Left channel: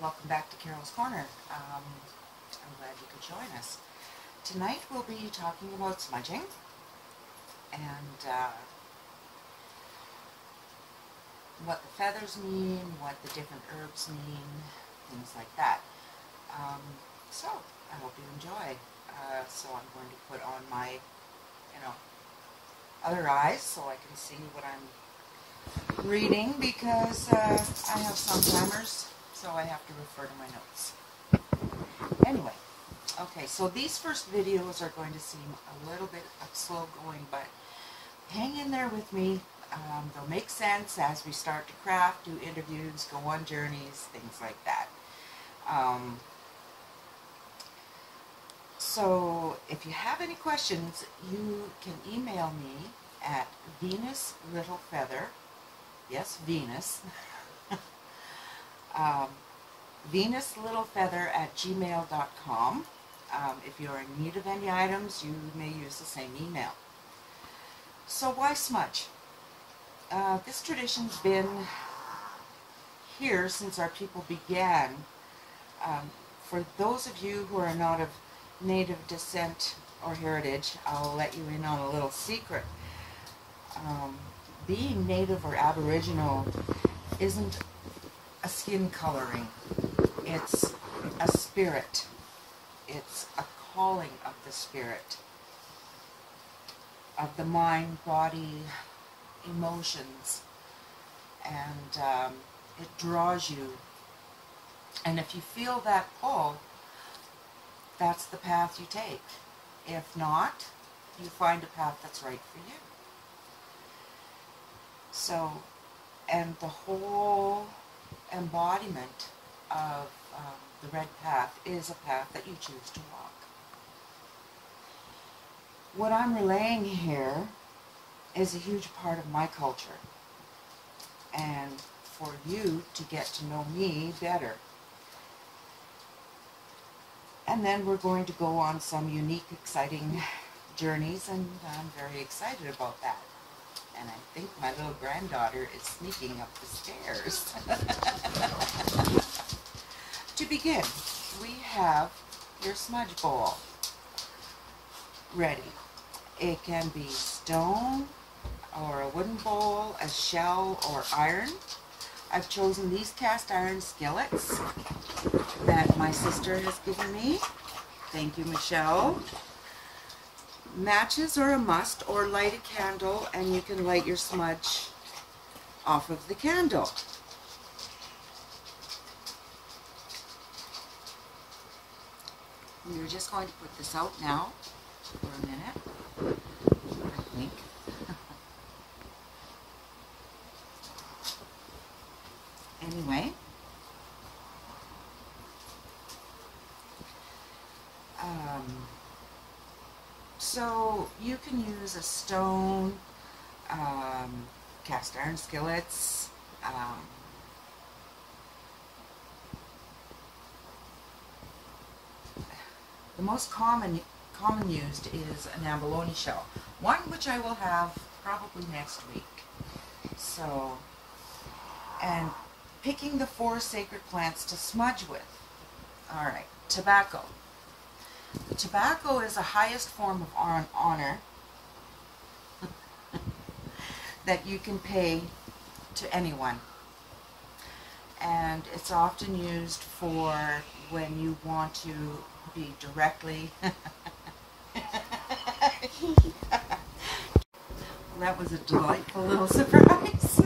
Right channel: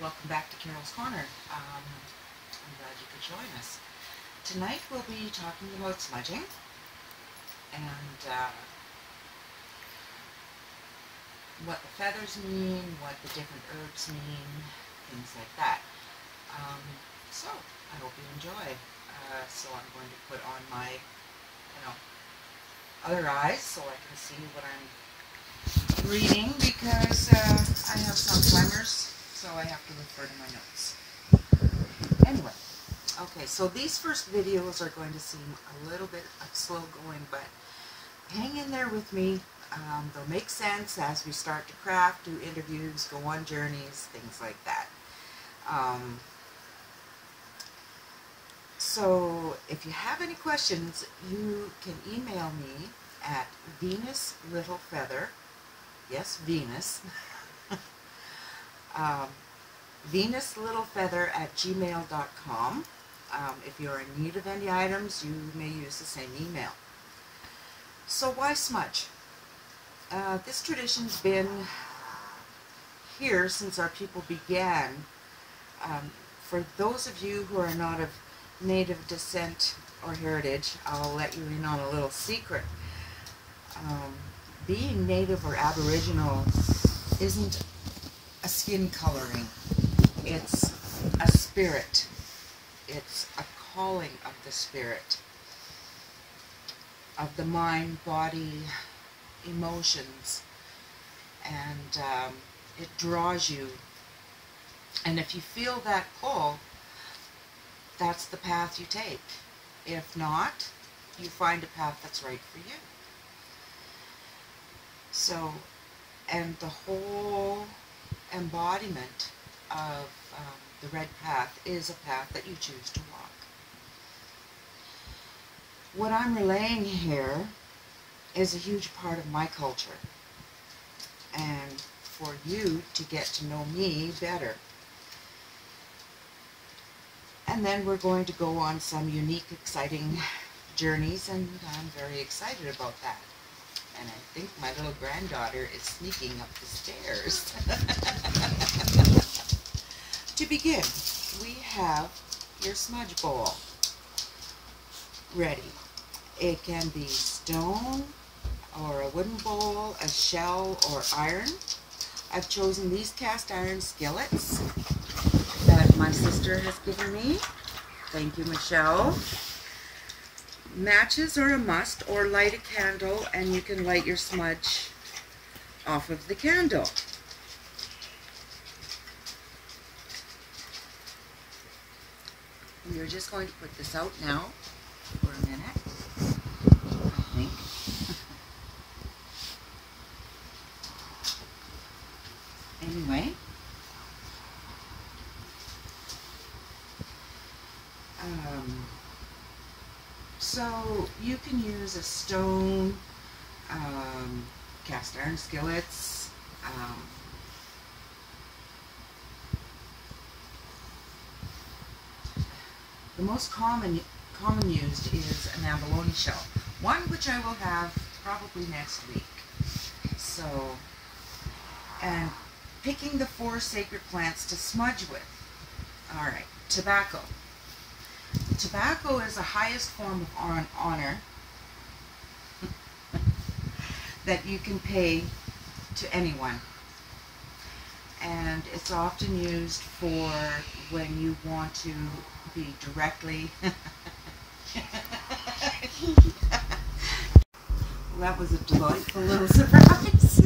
welcome back to Carol's Corner. I'm glad you could join us. Tonight we'll be talking about smudging and what the feathers mean, what the different herbs mean, things like that. So I hope you enjoy. So I'm going to put on my, other eyes so I can see what I'm reading because I have Alzheimer's, so I have to refer to my notes. Anyway, okay, so these first videos are going to seem a little bit slow going, but hang in there with me. They'll make sense as we start to craft, do interviews, go on journeys, things like that. So if you have any questions, you can email me at VenusLittleFeather, yes, Venus, VenusLittleFeather@gmail.com. If you're in need of any items, you may use the same email. So why smudge? This tradition's been here since our people began. For those of you who are not of native descent or heritage, I'll let you in on a little secret. Being native or aboriginal isn't a skin coloring. It's a spirit. It's a calling of the spirit, of the mind, body, emotions, and it draws you. And if you feel that pull, that's the path you take. If not, you find a path that's right for you. So, and the whole embodiment of the red path is a path that you choose to walk. What I'm relaying here is a huge part of my culture, and for you to get to know me better. And then we're going to go on some unique, exciting journeys, and I'm very excited about that. And I think my little granddaughter is sneaking up the stairs. To begin, we have your smudge bowl ready. It can be stone or a wooden bowl, a shell, or iron. I've chosen these cast iron skillets that my sister has given me. Thank you, Michelle. Matches are a must, or light a candle and you can light your smudge off of the candle. We're just going to put this out now for a minute, I think. Anyway, so you can use a stone, cast iron skillets, the most common used is an abalone shell, one which I will have probably next week. So, and picking the 4 sacred plants to smudge with. Alright, tobacco. Tobacco is the highest form of honor that you can pay to anyone. And it's often used for when you want to be directly that was a delightful little surprise.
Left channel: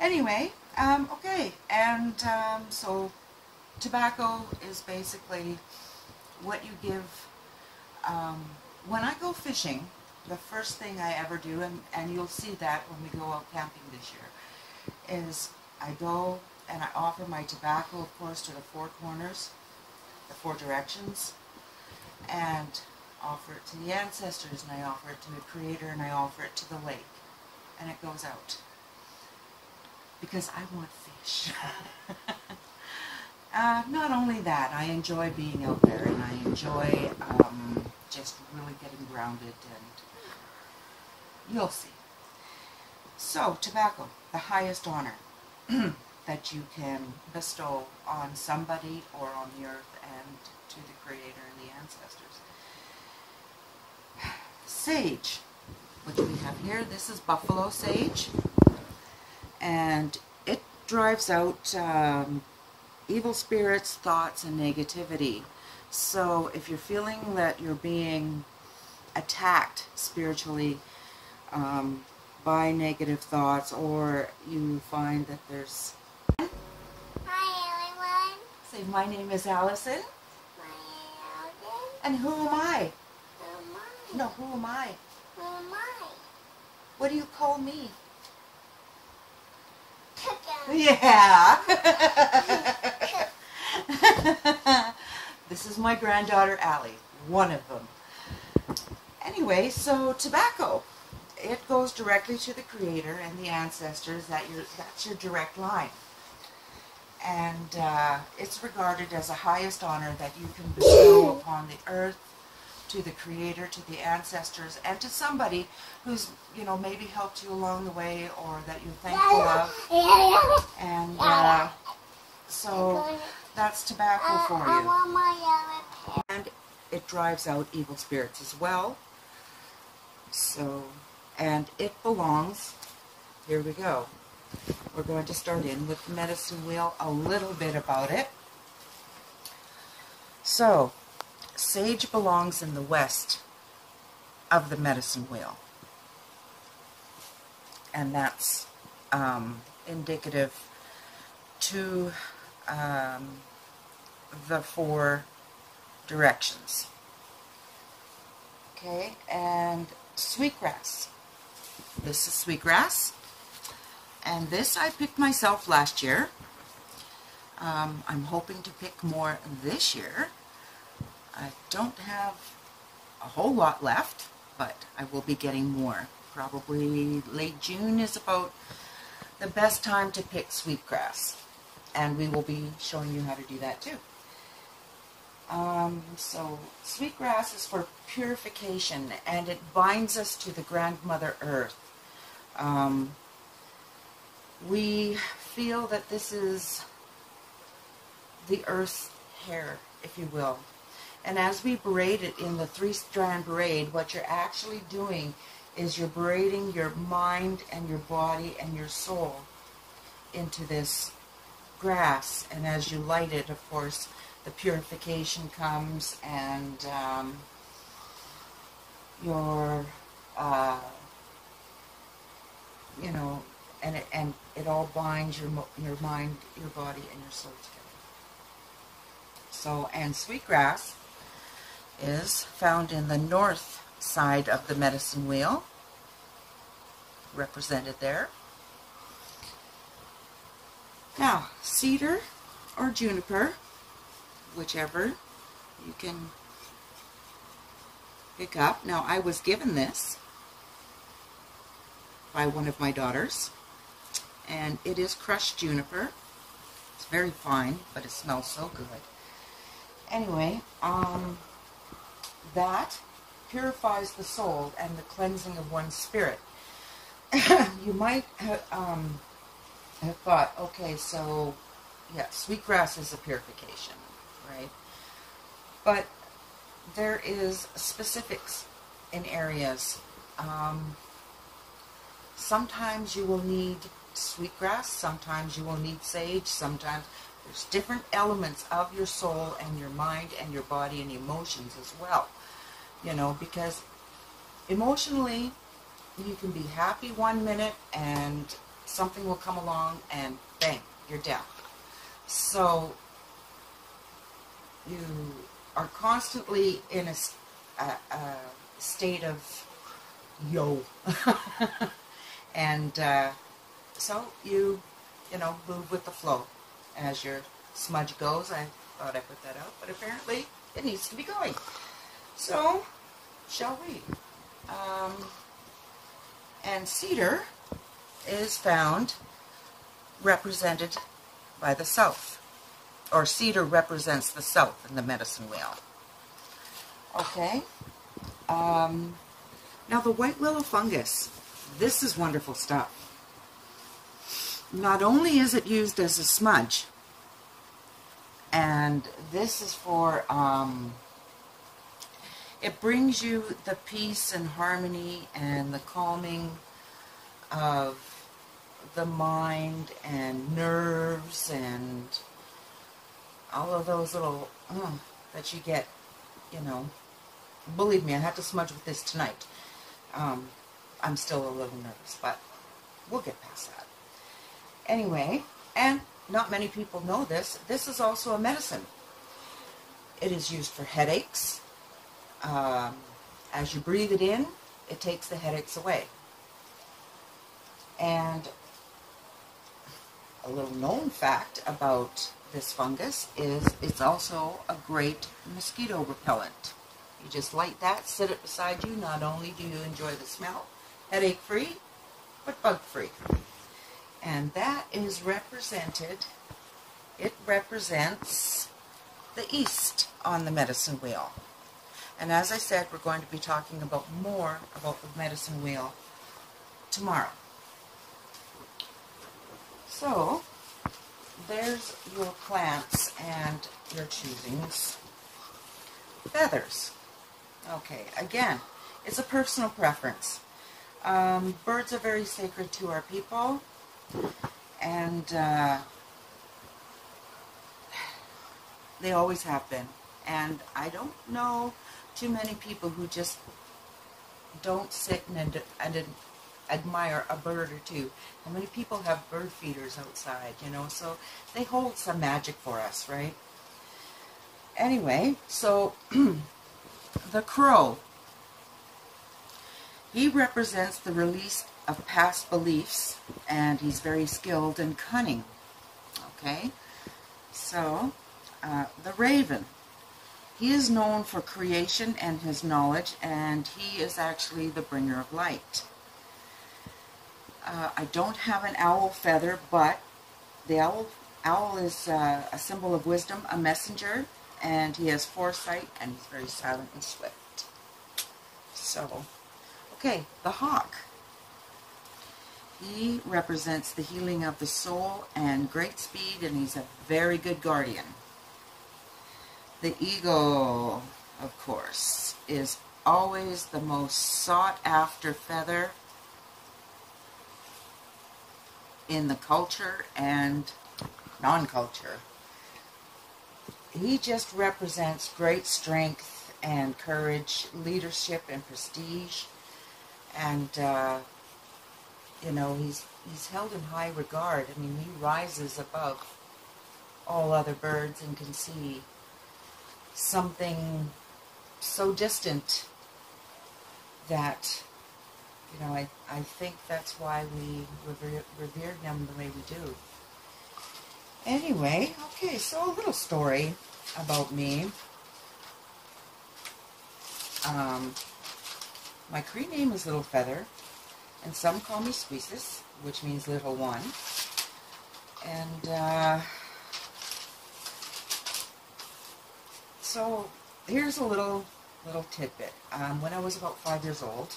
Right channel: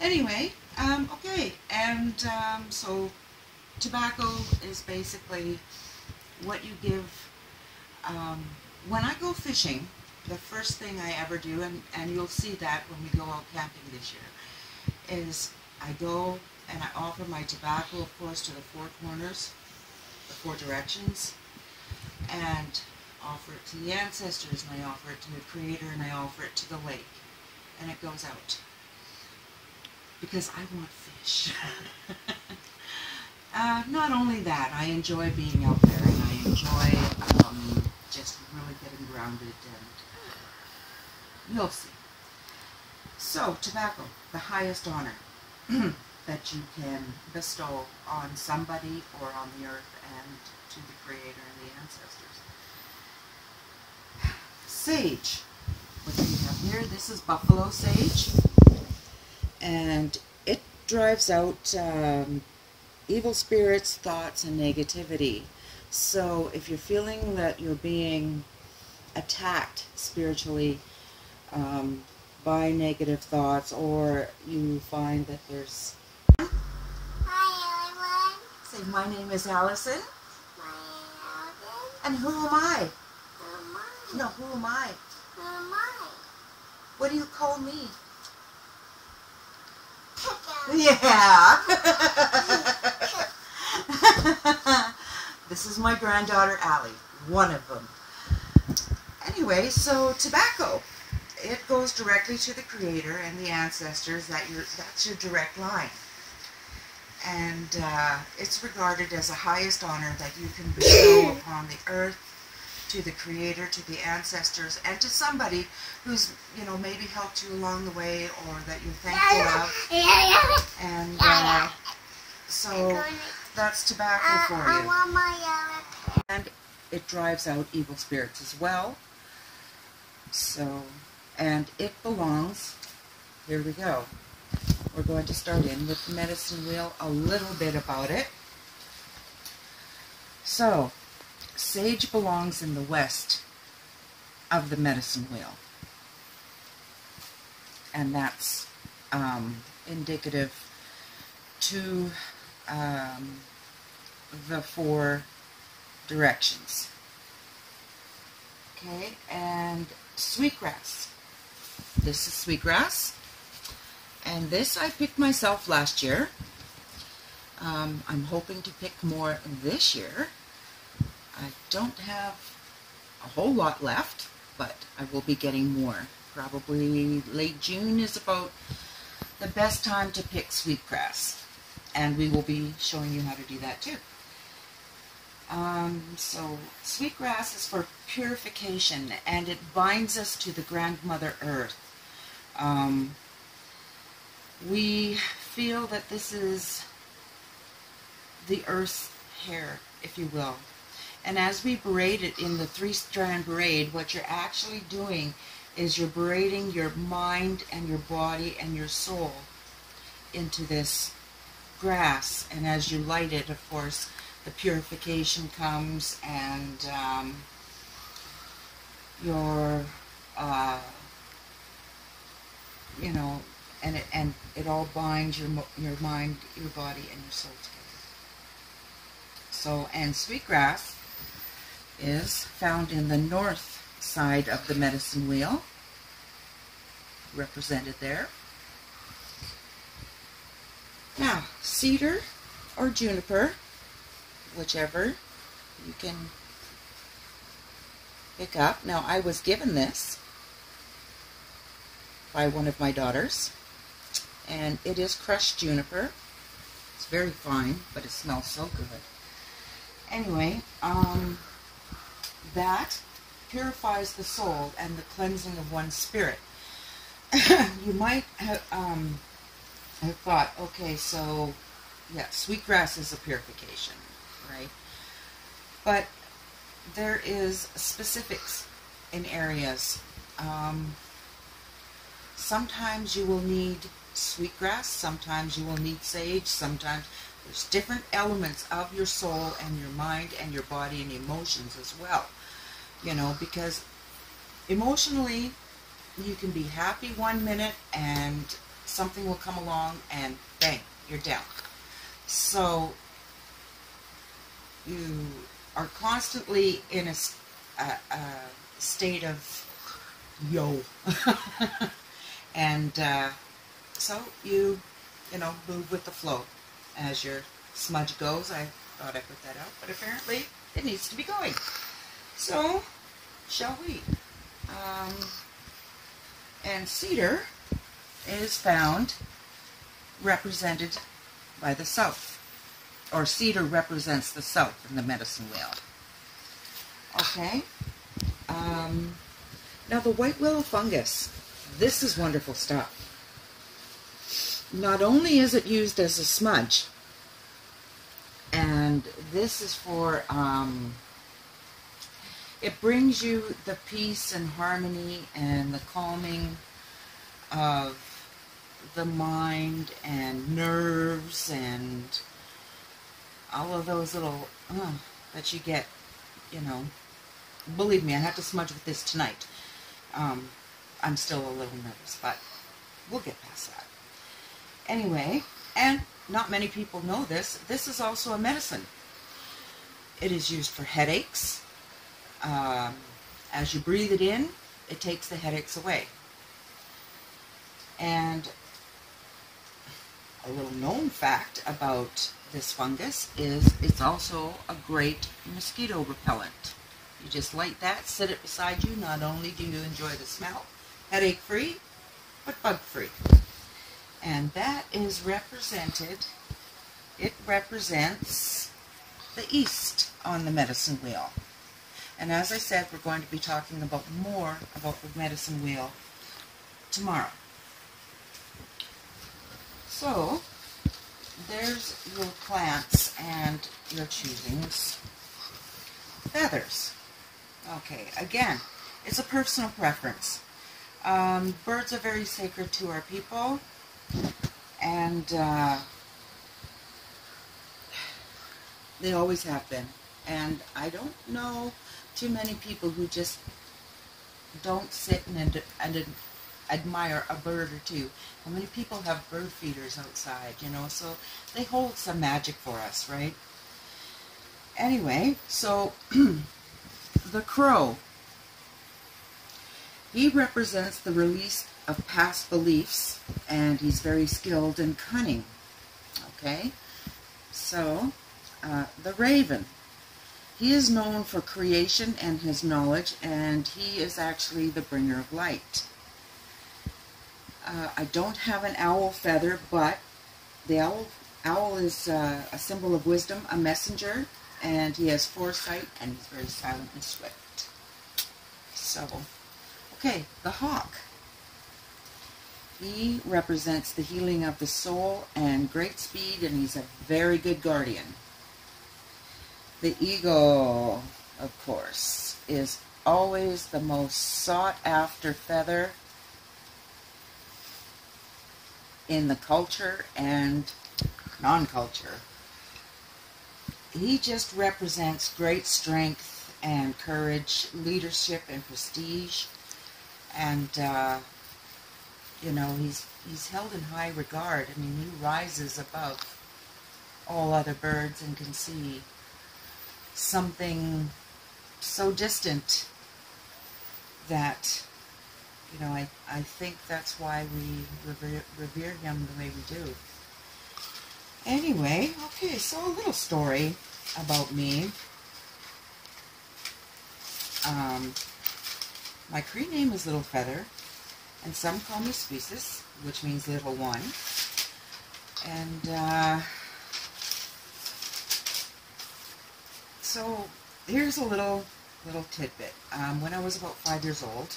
Anyway, okay, and so tobacco is basically what you give. When I go fishing, the first thing I ever do, and you'll see that when we go out camping this year, is I go and I offer my tobacco, of course, to the 4 corners, the 4 directions, and offer it to the ancestors, and I offer it to the Creator, and I offer it to the lake, and it goes out. Because I want fish. Not only that, I enjoy being out there, and I enjoy just really getting grounded, and you'll see. So, tobacco, the highest honor. that you can bestow on somebody or on the earth and to the Creator and the ancestors. Sage. What do we have here? This is buffalo sage, and it drives out evil spirits, thoughts, and negativity. So if you're feeling that you're being attacked spiritually by negative thoughts, or you find that there's... Hi everyone. Say, my name is Allison. My name is Allison. And who am I? Who am I? No, who am I? Who am I? What do you call me? Yeah. This is my granddaughter Allie, one of them. Anyway, so tobacco, it goes directly to the Creator and the ancestors. That's your direct line, and it's regarded as the highest honor that you can bestow upon the earth, to the Creator, to the ancestors, and to somebody who's, you know, maybe helped you along the way or that you're thankful of. And so that's tobacco for you. And it drives out evil spirits as well. So, and it belongs, here we go. We're going to start in with the medicine wheel, a little bit about it. So, sage belongs in the west of the medicine wheel, and that's indicative to the 4 directions. Okay, and sweetgrass. This is sweetgrass, and this I picked myself last year. I'm hoping to pick more this year. I don't have a whole lot left, but I will be getting more. Probably late June is about the best time to pick sweetgrass, and we will be showing you how to do that too. So sweetgrass is for purification, and it binds us to the grandmother earth. We feel that this is the earth's hair, if you will. And as we braid it in the 3-strand braid, what you're actually doing is you're braiding your mind and your body and your soul into this grass. And as you light it, of course, the purification comes, and your, you know, and it all binds your mind, your body, and your soul together. So, and sweetgrass is found in the north side of the medicine wheel, represented there. Now, cedar or juniper, whichever you can pick up. Now, I was given this by one of my daughters, and it is crushed juniper. It's very fine, but it smells so good. Anyway, that purifies the soul and the cleansing of one's spirit. You might have thought, okay, so yeah, sweetgrass is a purification, right? But there is specifics in areas. Sometimes you will need sweetgrass, sometimes you will need sage, sometimes there's different elements of your soul and your mind and your body and emotions as well. You know, because emotionally you can be happy one minute and something will come along and bang, you're down. So you are constantly in a state of yo. And so you know, move with the flow as your smudge goes. I thought I put that out, but apparently it needs to be going. So, shall we? And cedar is found represented by the south, or cedar represents the south in the medicine wheel. Okay. Now the white willow fungus, this is wonderful stuff. not only is it used as a smudge, and this is for, it brings you the peace and harmony and the calming of the mind and nerves and all of those little that you get, you know. Believe me, I have to smudge with this tonight. I'm still a little nervous, but we'll get past that. Anyway, and not many people know this, this is also a medicine. It is used for headaches. As you breathe it in, it takes the headaches away. And a little known fact about this fungus is it's also a great mosquito repellent. You just light that, sit it beside you. Not only do you enjoy the smell, headache-free, but bug-free. And that is represented, it represents the east on the medicine wheel. And as I said, we're going to be talking about more about the medicine wheel tomorrow. So, there's your plants and your choosings. Feathers. Okay, again, it's a personal preference. Birds are very sacred to our people, and they always have been. And I don't know too many people who just don't sit and admire a bird or two. How many people have bird feeders outside, you know, so they hold some magic for us, right? Anyway, so the crow, he represents the release of past beliefs, and he's very skilled and cunning. Okay, so the raven, he is known for creation and his knowledge, and he is actually the bringer of light. I don't have an owl feather, but the owl is a symbol of wisdom, a messenger, and he has foresight, and he's very silent and swift. So, okay, the hawk. He represents the healing of the soul and great speed, and he's a very good guardian. The eagle, of course, is always the most sought-after feather in the culture and non-culture. He just represents great strength and courage, leadership and prestige, and you know, he's held in high regard. I mean, he rises above all other birds and can see something so distant that, you know, I think that's why we revere him the way we do. Anyway, okay, so a little story about me. My Cree name is Little Feather, and some call me Species, which means little one. And so here's a little tidbit. When I was about 5 years old,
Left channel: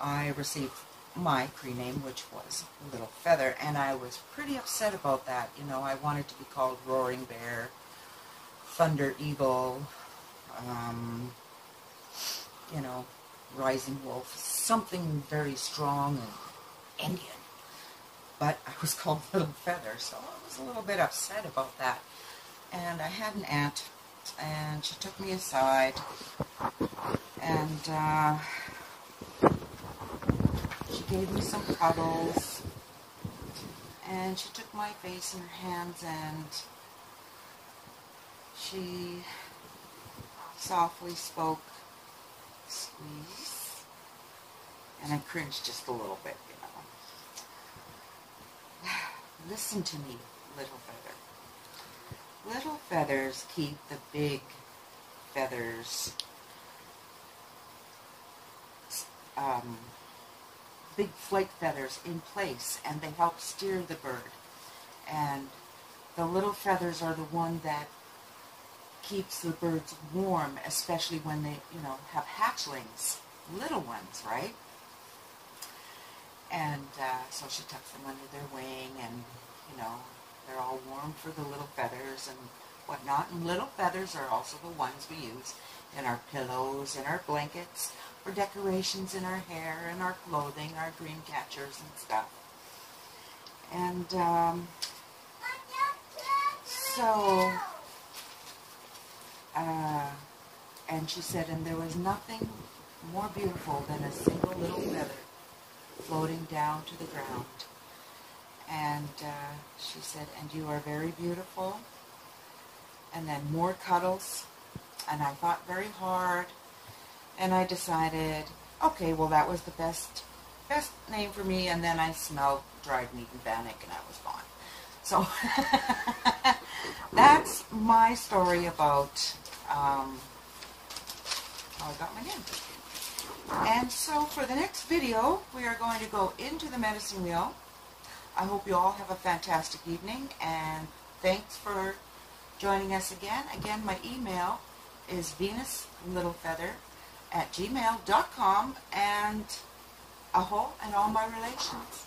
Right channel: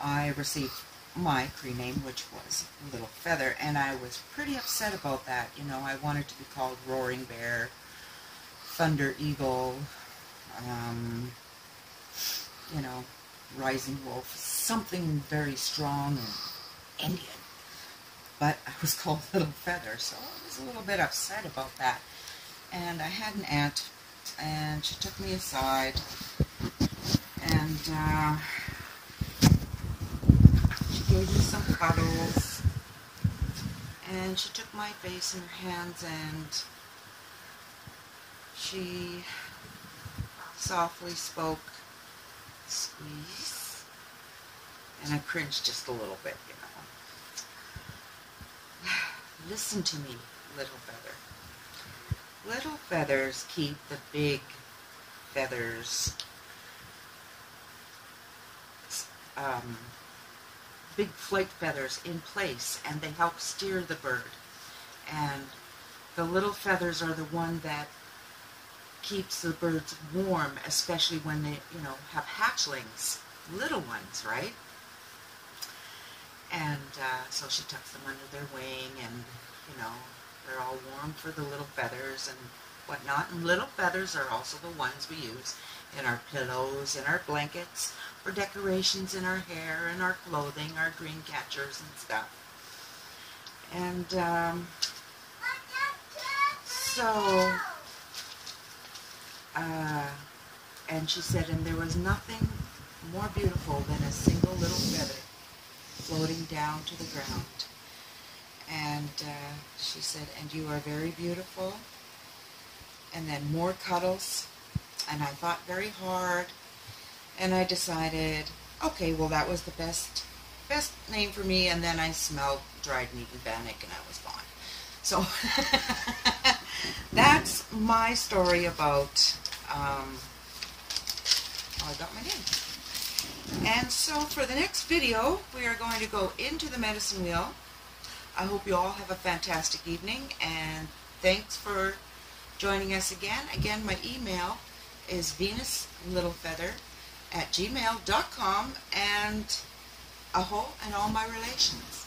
I received my Cree name, which was Little Feather, and I was pretty upset about that. You know, I wanted to be called Roaring Bear, Thunder Eagle, you know, Rising Wolf, something very strong and Indian. But I was called Little Feather, so I was a little bit upset about that. And I had an aunt, and she took me aside, and she gave me some cuddles, and she took my face in her hands, and she softly spoke, "Squeeze," and I cringed just a little bit, you know. Listen to me, Little Feather. Little feathers keep the big feathers, big flight feathers in place, and they help steer the bird. And the little feathers are the one that keeps the birds warm, especially when they, you know, have hatchlings, little ones, right? And so she tucks them under their wing, and, you know, they're all warm for the little feathers and whatnot. And little feathers are also the ones we use in our pillows, in our blankets, for decorations in our hair, in our clothing, our green catchers and stuff. And and she said, and there was nothing more beautiful than a single little feather floating down to the ground. And she said, and you are very beautiful. And then more cuddles. And I thought very hard. And I decided, okay, well, that was the best name for me. And then I smelled dried meat and bannock, and I was gone. So that's my story about how I got my name. And so for the next video, we are going to go into the medicine wheel. I hope you all have a fantastic evening, and thanks for joining us again. Again, my email is venuslittlefeather@gmail.com, and aho and all my relations.